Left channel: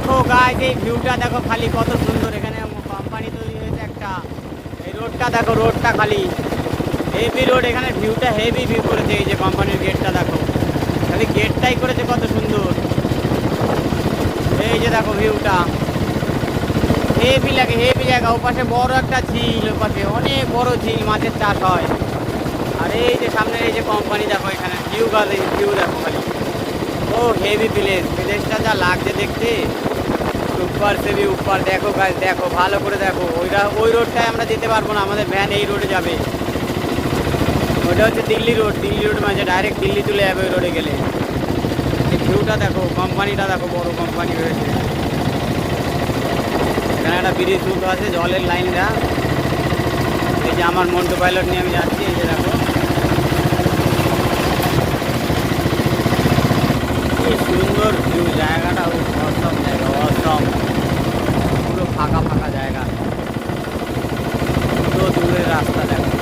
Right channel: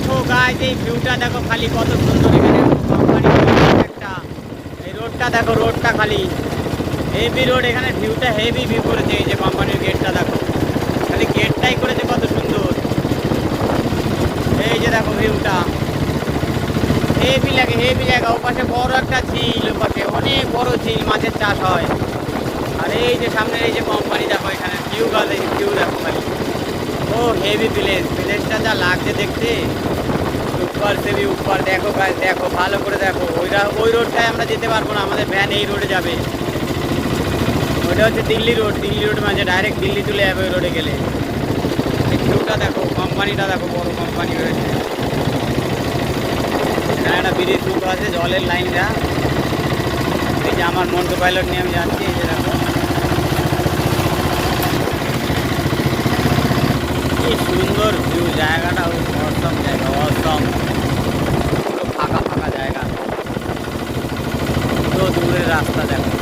দেখো গাইস, এই ভিউটা দেখো খালি কত সুন্দর। এখানে কোম্পানি একটা, এই রোডটা দেখো, রোডটা খালি হেভি রোড। এখানে ভিউটা হেভি ভিউ করেছে। এই যে কোম্পানির গেটটা দেখো, খালি গেটটাই করেছে কত সুন্দর। এই যে দেখো ভিউটা হেভি লাগে, হেভি জায়গা। ওপাশে বড় একটা ঝিল, ওপাশে অনেক বড় ঝিল, মাছের চাষ হয়। আর এই যে সামনে এই যে কোম্পানি দেখো, এখানে ভিউ গাছ, এই ভিউ দেখো খালি। ও হেভি প্লেস, প্লেসটা যা লাগছে দেখতে। উপর সে भी উপর দেখো গাইস, দেখো ভালো করে দেখো। ওই রোডটায় আমরা যেতে পারবো না, আমাদের ভ্যান এই রোডে যাবে। ওইটা হচ্ছে দিল্লি রোড, দিল্লি রোড মানে ডাইরেক্ট দিল্লি চলে যাবে ওই রোডে গেলে। এই ভিউটা দেখো, কোম্পানিটা দেখো, বড় কোম্পানি রয়েছে। এখানে একটা ব্রিজ মতো আছে, জলের লাইনটা। এই যে আমার মন্টু পাইলট নিয়ে আমি যাচ্ছি, এই যে দেখো কি সুন্দর ভিউ, জায়গাটা অসম জায়গা, অসম। পুরো ফাঁকা ফাঁকা জায়গা, তো দূরের রাস্তা দেখো।